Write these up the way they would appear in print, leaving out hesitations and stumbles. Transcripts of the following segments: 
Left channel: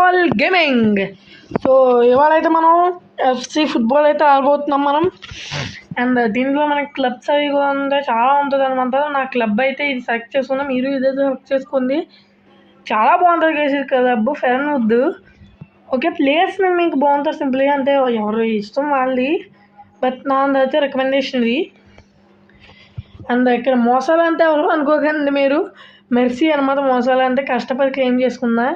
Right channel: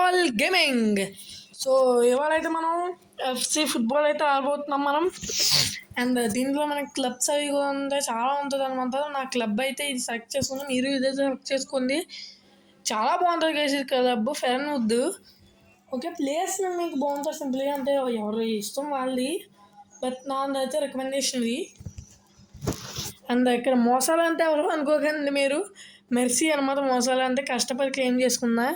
World gaming. So ఇవాళైతే మనం FC football అయితే ఆడబోతున్నాం మనం. అండ్ దీంట్లో మనకి క్లబ్స్ అవి కూడా ఉంటాయి, చాలా ఉంటుంది అనమాట. నా క్లబ్ అయితే ఇది సెలెక్ట్ చేసుకున్నాం, మీరు ఇదే సెలెక్ట్ చేసుకోండి. చాలా బాగుంటుంది గైస్ ఈ క్లబ్, ఫెరన్ వద్దు. ఓకే, ప్లేస్ మీకు బాగుంటుంది సింపుల్గా, అంటే ఎవరు ఇష్టం వాళ్ళది, బట్ నాదైతే రికమెండేషన్ ఇది. అండ్ ఇక్కడ మోసాలు అంటే ఎవరు అనుకోకండి మీరు, మెర్సీ అనమాట. మోసాలు అంటే కష్టపడి క్లెయిమ్ చేసుకుందా.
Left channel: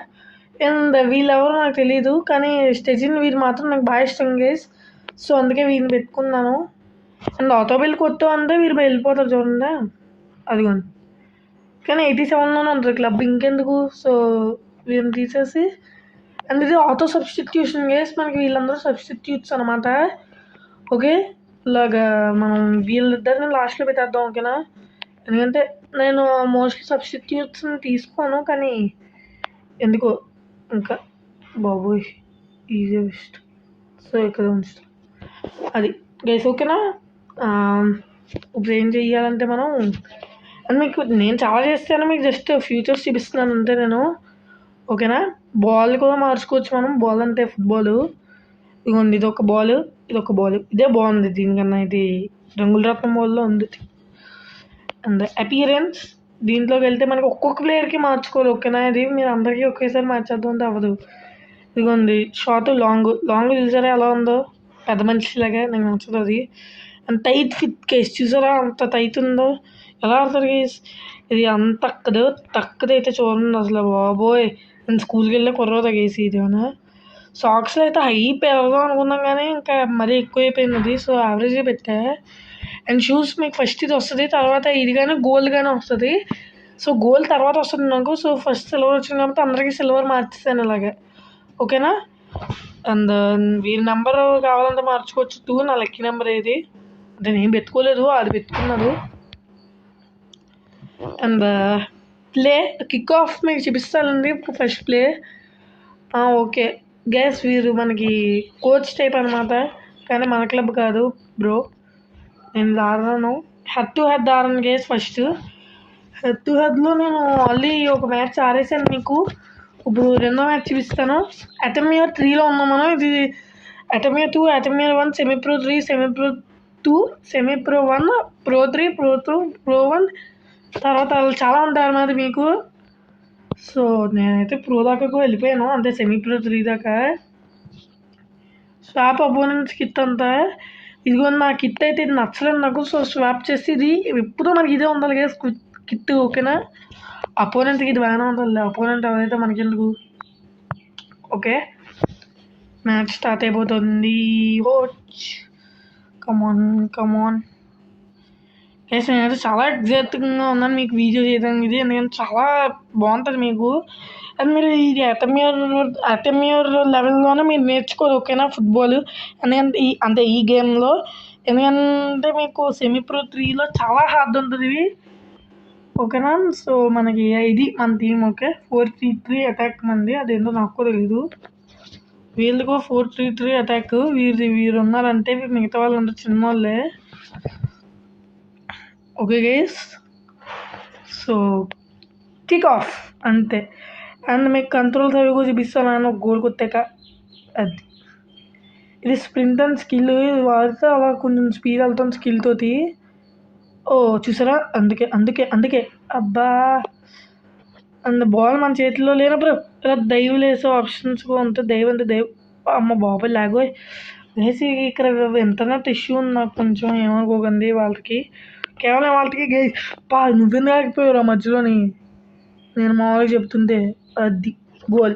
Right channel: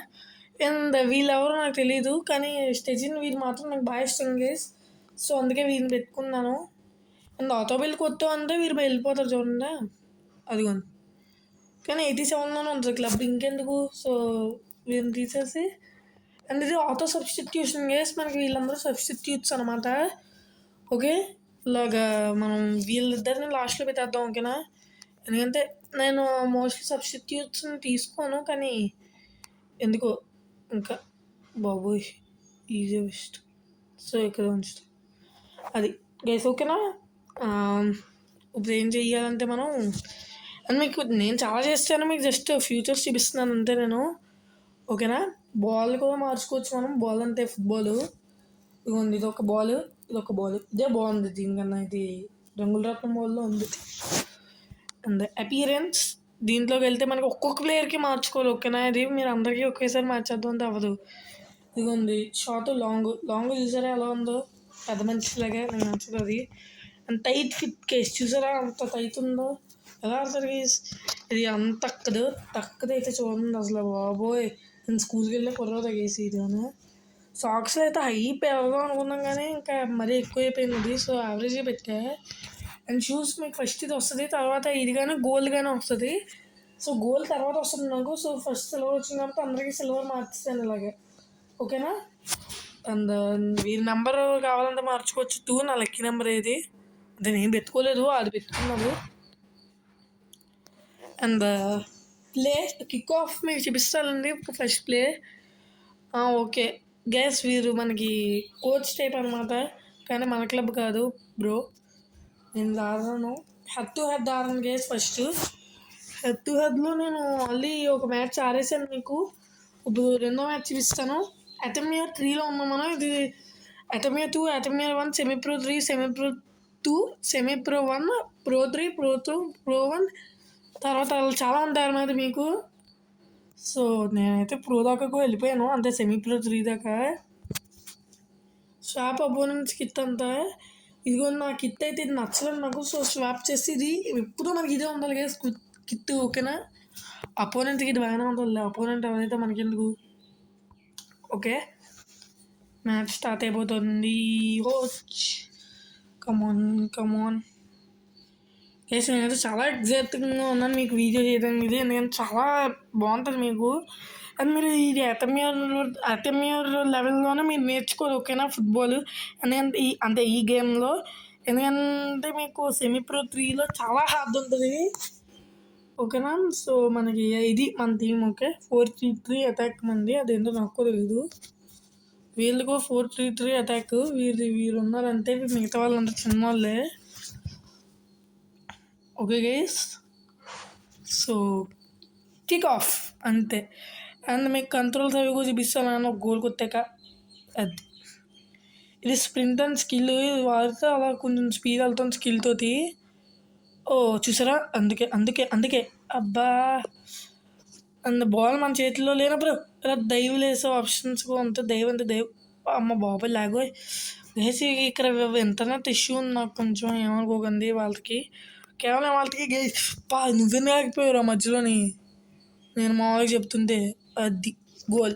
అండ్ వీళ్ళెవరు నాకు తెలీదు, కానీ స్టెజిన్ వీరు మాత్రం నాకు బాగా ఇష్టం గైస్. సో అందుకే వీరిని పెట్టుకున్నాను. అండ్ ఆటో బిల్ కొత్త అంటే వీరు వెళ్ళిపోతారు చూడండి, అదిగోండి. కానీ 87లోనే ఉంటుంది క్లబ్, ఇంకెందుకు. సో వీరిని తీసేసి, అండ్ ఇది ఆటో సబ్స్టిట్యూషన్ గైస్, మనకి వీళ్ళందరూ సబ్స్టిట్యూట్స్ అనమాట. ఓకే, ఇలాగా మనం వీళ్ళిద్దరిని లాస్ట్లో పెట్టేద్దాం, ఓకేనా. ఎందుకంటే నేను మోస్ట్లీ సబ్స్టిట్యూట్స్ని తీసుకోను, కానీ ఎందుకో ఇంకా బాబోయ్ ఈజీ బెస్ట్. సో ఇక్కడ ఉంచుతాం అది గైస్, ఓకేనా. ఇప్పుడు ఏం చెయ్యాలంటే మనం, అండ్ మీకు నేను చాలా చేస్తాను, మీకు జస్ట్ ఫ్యూచర్స్ చూపిస్తున్నాను అంతే నేను, ఓకేనా. బాల్ కూడా మార్చుకోవచ్చు మనం, బాల్ అంటే ఫుట్బాల్. ఇదిగోండి, ఇదొక బాల్, ఇదొక బాల్, ఇదే బాగుంది దీనికన్నా, ఇది రంగుల రత్నం బాల్లో ఉంది. అండ్ అపియరెన్స్ దీంట్లోకి వెళ్తే మనకి ఒక్కొక్క ప్లేయర్కి మార్చుకోవాలి, ఓకేనా. ఇది మీరు అందరికీ ఒకేసారి మార్చేద్దాం అంటే అవ్వదు. ఇదిగోండి షార్ట్, లాంగ్ చూసారా ఎలా ఉందో, పెద్ద మనిషిలాగా నాకు నచ్చుతుంది. అండ్ టైట్ ఫిట్ కేస్ చూసారా అంత టైట్ ఉందో, ఎలా ఆడతారు కేస్. ఇది అంత తక్కదు అయితే చూడండి అసలు, బాబోయ్. నేను స్కూల్కి వెళ్ళే కుర్రోదా కేసి ఇదేమన్నా. సాక్స్లో అయితే హై పెడదాం అనుకున్నాం, కానీ ఇంకా మరీ ఎక్కువైపోయింది అది, సో యావరేజ్గా పెట్టా. అండ్ షూస్ మీకు ఫస్ట్ ఇది వస్తుంది, తర్వాత ఇది కానీ గోల్డ్ కానీ వస్తుంది. సో గోల్డ్ తర్వాత వస్తుంది నాకు. సో ఫస్ట్ సిల్వర్ వచ్చింది కాబట్టి అందరికీ సిల్వర్ మార్చేస్తాను ఇలాగే, ఓకేనా. అండ్ వీరి నెంబర్ కావాలంటే మార్చుకోవచ్చు, 2 నా లక్కీ నెంబర్ ఏది, అది నేను పెట్టుకోలేదు, అది పెట్టుకున్నాడు. అండ్ ప్లే కిక్ ఆఫ్ మీకు చూపిస్తానండి ఫస్ట్ ప్లే. ఓకే గైస్, వీరు మనకి కోచ్ టైప్ అనమాట, కానీ మన క్లబ్ కాదు బ్రో. నేను ఆడను, హెడ్ టు హెడ్ ఆడను గైస్. ఫస్ట్ హెడ్ టు హెడ్లో నేను ఆల్రెడీ ఒక మ్యాచ్ ఆడేసాను మీకు. ఇప్పుడు రెండో మ్యాచ్ చూపిస్తాను. అటమియర్ 3లో ఉన్నాం మనం. ఇది అటమియర్ 2, అటమియర్ 1, semi pro 3, semi pro 2, semi pro 1, pro 3, pro 2, pro 1, తర్వాత చాలా ఉంటాయి అన్నమాట మీకు. సో నేనైతే ప్రో దాకా వెళ్ళిపోయాను, అంటే సెమీ ప్రో 3 దాకా. స్వాప్ అపోనెంట్స్ కిట్ అంతా ఇదిగో, నా కిట్ అయితే ఇది నచ్చలేదు నాకు. సో స్వాప్ చేసి ఇది ఎప్పుడూ మనకి ఇదే ఉండాలి కదా కిట్, ఓకేనా. అపోనెంట్కి ఇది బాగానే ఉంటుంది, అపోనెంట్ ఎవరైతే మనకెందుకు. ఓకే, మ్యాచ్ స్టార్ట్ అయిపోతుంది. కమాన్ ఎస్, నేనైతే చాలా ఎగ్జైటింగ్గా ఉన్నాను మీకు వీడియో చేయడానికి. ఇది ఎందుకంటే చాలా బాగుంటుంది మీకు. అండ్ మీరు ఇది అటమియర్ లెవెల్లోనే మీరు నేర్చుకోరు, ఓకేనా, ఫుట్బాల్. అంటే ఈ గేమ్లో, ఎందుకంటే మీకు సెమీ ప్రో 3లో చాలా హార్డ్ ఉంటుంది ఇది, ఓకేనా. సో మనకి ఇది మన టీం, ఓకే. 4-3-3 అటాక్ మంది, అదేంటో నాకు తెలీదు. వీళ్ళకు 4-3-3 అటాక్, వీరు ఉన్నారంటే మిగతా వాళ్ళంతా చిన్న వాళ్ళే, okay guys. So kick of అంతే. అండ్ మీకు కంట్రోల్స్ అవి కూడా చూపిస్తాను, ఒక గోల్ కొట్టాక. అది ఇది స్ప్రింట్ అండ్ స్కిల్, ఇది వాడితే అలా కొంచెం స్పీడ్ వెళ్తాం స్కిల్ తోటి. చూసారా, అందుకే అబ్బా. అండ్ బాల్ మన చేతిలో లేనప్పుడు ఇలా దైవ లేసే ఆప్షన్స్ కూడా ఉంటాయి. దైవ అమ్మ బాబాయ్ లాగోయ్ వేసి. ఇక్కడ ఇంటర్నెట్ ఇష్యూ ఉంది నాకు కొంచెం, ఏమనుకోకండి. వాళ్ళకి కేవలం వాళ్ళకి నువ్వెందుకు ఆగిపోయావు మధ్యలోని, నేను మామూలుగా చెప్తుంటే. అది గోల్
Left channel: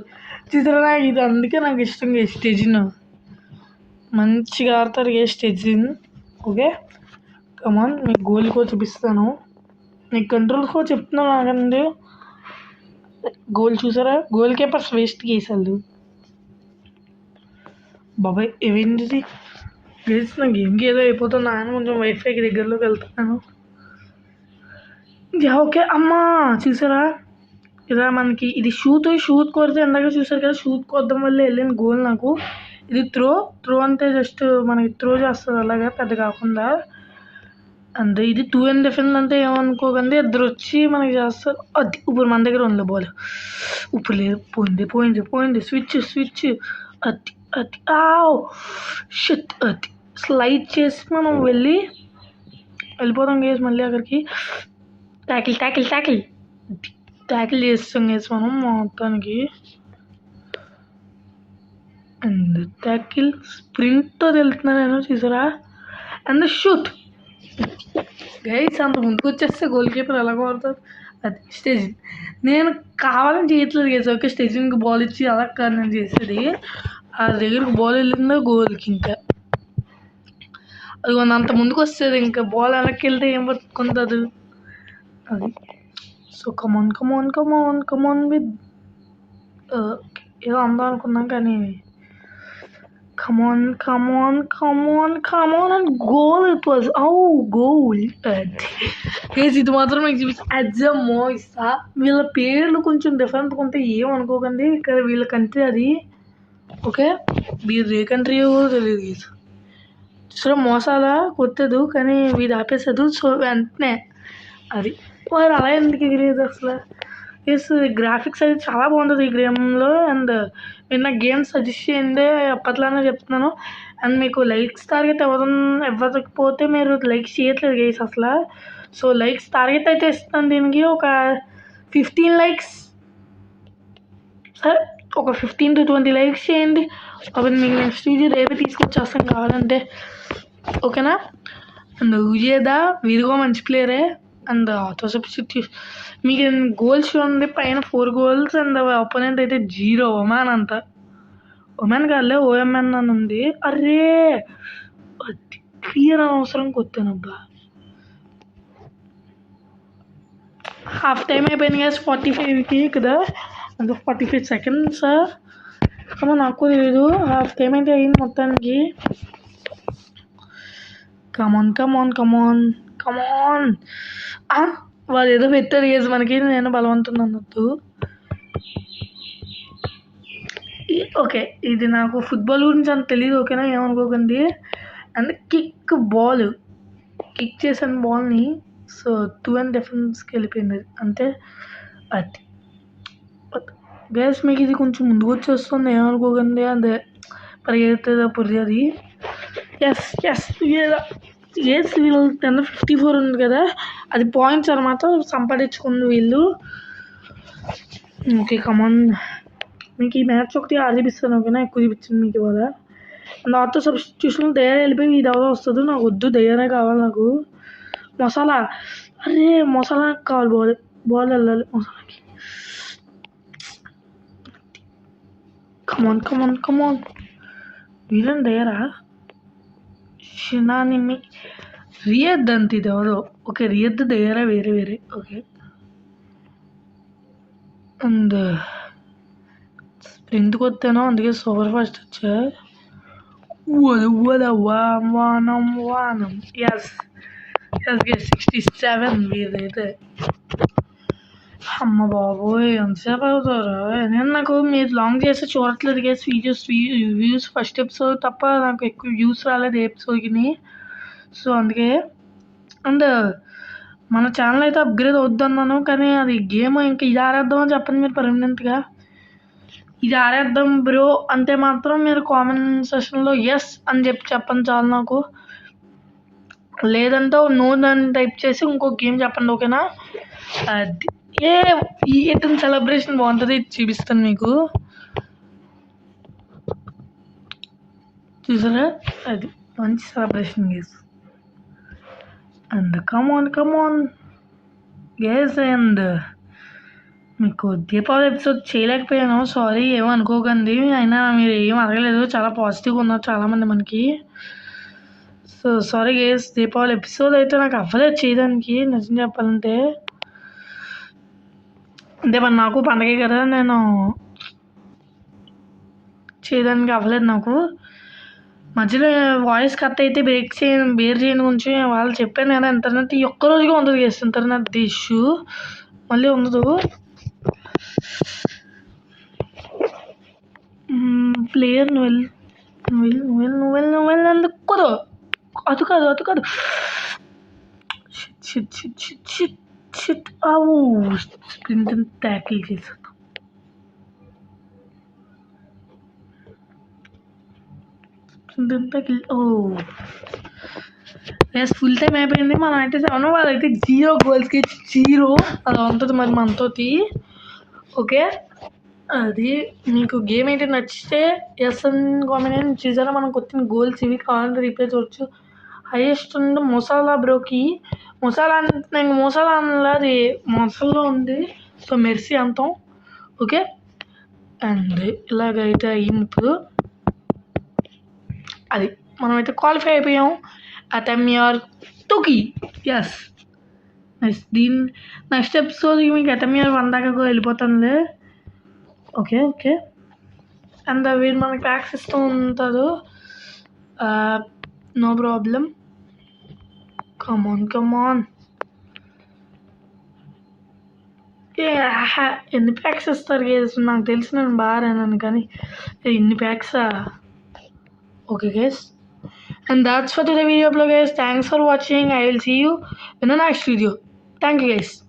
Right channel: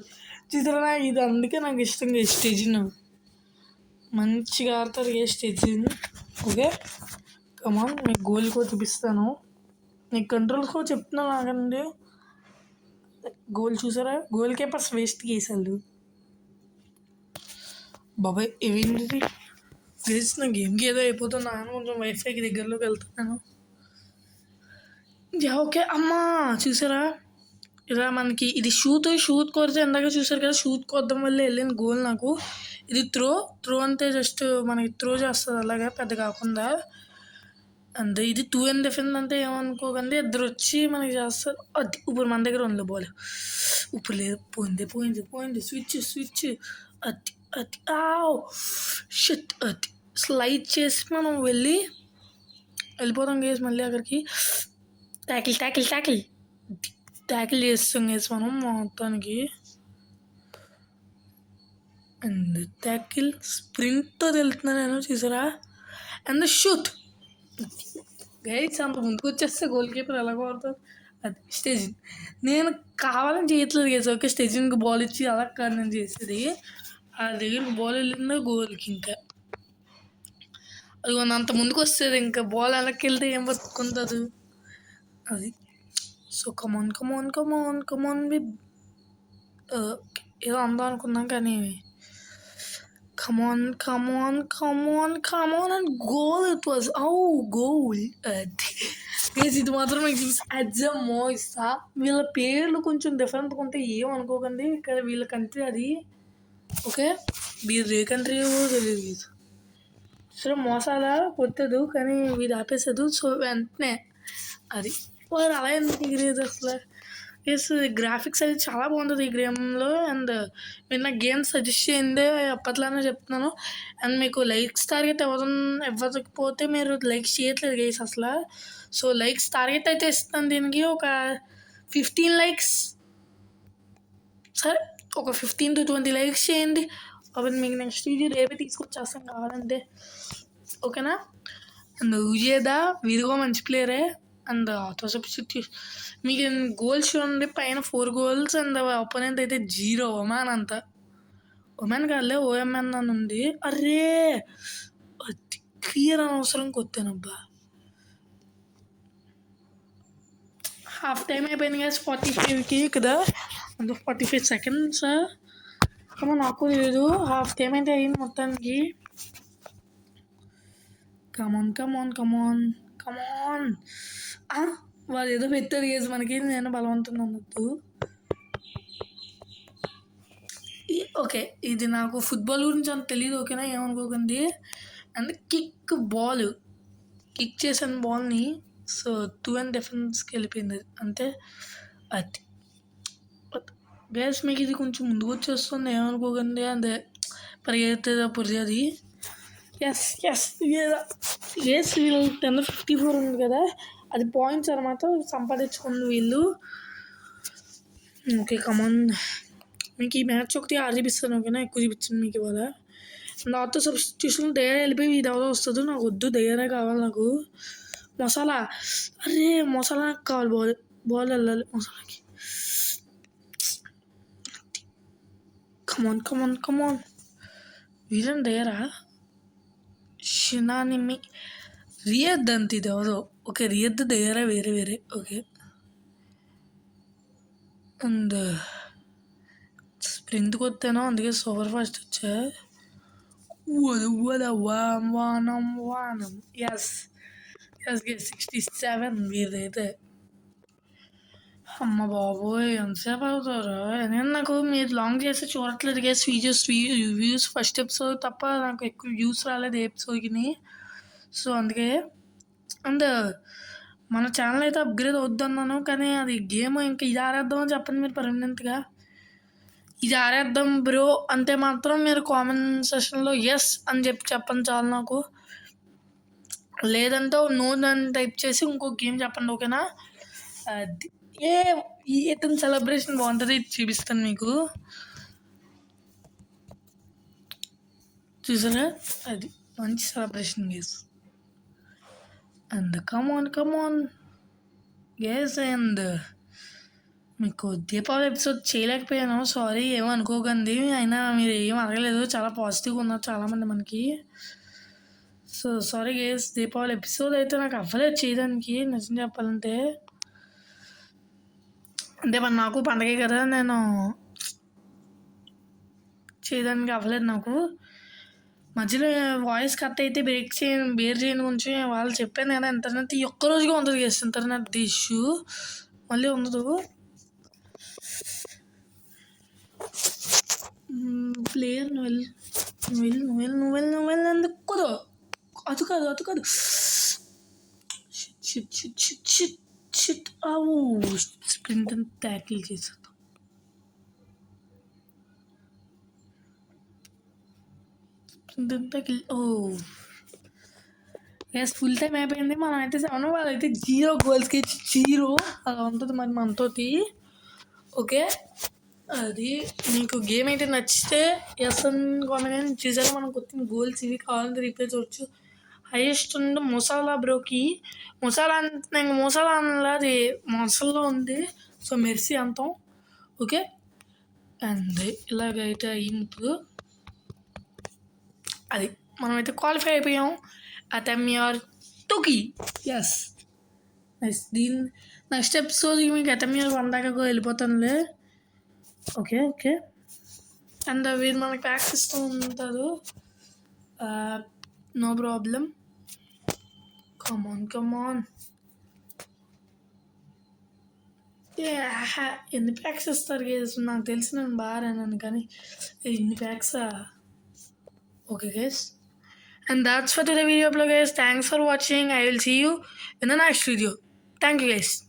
చూసారా, ఇది అందుకే నాకు ఇష్టంగా స్టెజిన్ మంచిగా ఆడతారు స్టెజిన్, ఓకే. కమాన్, మీకు గోల్ కూడా చూపిస్తాను, నీకు కంట్రోల్స్ కూడా చెప్తున్నాను ఆగండి. గోల్ చూసారా, గోల్ కీపర్స్ వేస్ట్ చేశారు బాబాయ్. ఏమైంది గేస్, నా గేమ్కి ఏదో అయిపోతున్నా అని కొంచెం వైఫైకి దగ్గరలోకి వెళ్తున్నాను. ఓకే అమ్మా, చూసారా ఇలా మనకి ఇది షూట్ కొడితే ఎందాక చూసారు కదా, షూట్ కొట్టడం వల్ల వెళ్ళిన గోల్ నాకు. ఇది త్రో అంటే జస్ట్ మనకి త్రో చేస్తుంది అలాగే, పెద్ద కాకుండా. అంతే. ఇది 2 డిఫెన్స్ అంటే ఏమనుకోకండి, ఇద్దరు వచ్చి మనకి చేస్తారు. అది ఇప్పుడు మన దగ్గర ఉంది బాల్. ఇప్పుడు లేదు, పోయింది. స్విచ్ అది అది ఆవ్ షిట్. అది స్లైడ్ చేసి మనం వెళ్ళిపోతాం గేస్. మళ్ళీ అక్కడికి ట్యాకిల్ చేస్తాం గేస్ మనం మొత్తానికి. అండ్ ట్యాకిల్ స్ప్రింట్తో వెళ్తున్నా నేను, చూసారా. And shoot guys. అంత ముందుకు వచ్చేస్తే గోల్ కీపర్ ఎలా కొడతారు. అది స్టేజ్ నేను కావాలని చేయట్లేదు గేస్. ఓకే, స్టేజింగ్కి బాల్ ఇచ్చి అలా కాదు నేను చేసేది. ఆ దగ్గరికి బాల్ వెళ్ళిందో గోల్కి. ఇంకా అది అంత ముందుకు వస్తుంది, ఇంకా బాల్ వెనక్కి వెళ్తే ఏం పట్టుకుంటుంది అది. సో కమాన్ విత్ ఏదో అందాం అనుకున్నాం కానీ come on and goal. It was goal. ఇది మాత్రం నాకు చూపిస్తా అజ్జమ్మో ఇస్తా. వీళ్ళ పేర్లు కొంచెం డిఫరెంట్గా ఉంటే ఏమనుకోకండి, ఇక్కడ వీళ్ళ కంట్రీ అది. ఓకే, వీరు ఏ కంట్రీ తెలియదు. సో మోసాలా కొట్టదు కానీ వీడు ఆపేసదు. సో వెంటనే అది వారు అలా ఎందుకు ఎగిరేది అసలు. ఎస్, గ్రాఫిక్స్ అది చాలా బాగుంటుంది ఈ గేమ్లో. అండ్ మీరు నాకు గేమ్స్ సజెస్ట్ చేయండి, అప్పట్లానే చెప్తున్నాను. అండ్ మీకు లైక్స్ టార్గెట్ ఇవ్వకపోతే మీరు లైక్స్ చేయట్లేదు గైస్ అసలు. సో లైక్స్ టార్గెట్ అయితే ఇస్తాను దీనికి, ఒక 15 లైక్స్. సరే, ఒక 15 to 20 లైక్స్ చేయండి. అప్పుడు మీకు నెక్స్ట్ వీడియో రేపే తీసుకొచ్చేస్తాను కావాలంటే. ఓకేనా. అండ్ విజేదా వీరుగా మంచి ప్లేయరే. అండ్ ఆటో సబ్స్టిట్యూట్ మీకు గోల్స్ చూడండి, పైన 4 goals. అండ్ ఒపోనెంట్ అయితే 0. ఒమెన్ కాదులే, OMN అని ఉంది. అరే అది క్లియర్ అనవసరం కొట్టానబ్బా. హాఫ్ టైం అయిపోయింది కదా, 45 కదా, అంటే 45 seconds. అమ్మ నాకు తెలీదు, హాఫ్ టైం అయితే అయింది మొత్తానికి. కమాన్ వాళ్ళు ఏదో పెట్టారు గేజ్ మనకి, నేను బలవంతం అన్నట్టు. ఓకే, ఇది నాకు ఫుట్బాల్ గురించి అంత తెలియదు, ఓకేనా, ఏమనుకోకండి. అండ్ కిక్ చేశాను బాల్ని. సో 2 డిఫెన్స్కి వెళ్ళిపోయింది అంతే. అది గేస్ మీకు ఇది కొంచెం ముందుకు వచ్చేస్తుంది, ఏమనుకోకండి. అదే పరిగెత్తే పొరిది. ఎస్ వీళ్ళు 10-54 ఉంది కదా, అది పాయింట్స్ అనమాట, సంపాదించుకుంది వీళ్ళు. ఓకే కమాన్, మీకు ఈ మ్యాచ్ ఒకటి చూపిస్తాను, ఓకేనా. ఎక్కువ చూపించింది మీకు ఇవాళ. నాతో సబ్స్టిట్యూషన్ దయ్యాలు వెళ్ళిపోయి ఇది ఎవరో వస్తుంది. నాకు వద్దు, దయ్యానే కావాలి నాకు. మసాలా కావాలి, బాల్ వెళ్ళాలి మసాలాకి. కమాన్ వీళ్ళని దయ్యారా. షినానిమి రియద్ అంత ఇది ఎవరో. ఓకే, రియద్ దయ్యారా వేరే. ఓకే, అండ్ స్ప్రింట్కి వస్తాను, అందుకే సూపర్ ఫాస్ట్ వచ్చా. వానం ఎస్ 67 వీరైతే. అమ్మ బాబోయ్, ఎంతసేపు అవుతారు. నేను నాకు మీరు లాంగ్ చేస్తే చూడట్లేదు గేస్. వ్యూస్ ఫస్ట్ ఎపిసోడ్ తప్ప నాకు ఎక్కువ వ్యూస్ రాలేదు ఏ ఎపిసోడ్కి. సో అందుకే. అండ్ మన ఛానల్ అయితే అప్గ్రేడ్ అవుద్దన్నాను, కానీ అది గేమ్ ఇంకా ఇది ఆడేద్దామని చెప్పండి మీరు పర్మనెంట్గా. ఇది ఆడేద్దాం బ్రో అంటే మాత్రం మీరు కామెంట్ సెషన్లో ఎస్ అని చెప్పండి చాలు నాకు. లేదంటే నో అని టైప్ చేసి ఇంకో గేమ్ చెప్పండి, ఓకేనా. అది ఇతని సెలబ్రేషన్ బాగుంటుంది, చూపిస్తాను మీకు. చూసారా, అది మంచి celebration guys. And come on guys. And మీకు దీపావళి ఎపిసోడ్ చేయలేకపోయాను, సారీ, ఏమనుకోకండి. అయినా మీరు ఏం అడగలేదు, చాలా పాజిటివ్గా ఉన్నారు చాలామంది మనకి. So sorry guys, Deepavali episode అయితే నాకు అవ్వలేదు చేయడానికి, నిజం చెప్పాలంటే. అంటే మరి నాకు పండగే కదా, నేను చేయడానికి అవ్వలేదు నాకు. మధ్యలో వాయిస్ కట్ అయితే బేర్ చేయని గురించి వాళ్ళు చెప్పాను కదా. ఇంటర్నెట్ ఈ ఒక్కరోజుగా ఉంటుంది గేస్, ఇంటర్నెట్ ఇష్యూ మళ్ళీ ఉండదు. ప్లేయర్ నువ్వు అందుకు అది కాదు. షిట్. స్ప్రింట్ ట్యాకిల్ చేశాను. ఫుల్ టైం అయిపోయింది. మనం అయితే 7 వాళ్ళైతే 0 గోల్స్కి 0 అలా ఉంటుంది మరి మనతోటి. ఓకే, అది మీకు గేమ్ అయితే నచ్చితే ఎస్ అని కామెంట్ చేసారా. మనం కొట్టిన గోల్స్ ఇవి కావాలంటే రీప్లే చూడొచ్చు. హైయెస్ట్ ఉంది మొసాలా బ్రోకి. మొసాలా నేను మొసాలా అనలా, అది మొసల్లో ఉంది. సో మెర్సీ అంటాం. ఓకే, అండ్ ఇలాగైతే అయింది. అది మనమైతే క్వాలిఫై అయిపోయాం. అటెమియర్ టోకి. Yes nice. నెక్స్ట్ ఎపిసోడ్కి మీకు అటెమియర్ 1 దాకా వెళ్ళిపోతానులే. ఓకే. అండ్ వీరు మనకి ప్యాక్స్ ఇస్తూ ఉంటారు. No problem. కమాన్. ఎన్ని ప్యాక్స్ ఇస్తారు గేస్? నాకు తెలిసి నేను బాగా రాను కానీ ఇన్ని ప్యాక్సా? Okay guys, and that's for today video guys. Thanks for watching. I will see you in the next video. Thank you guys.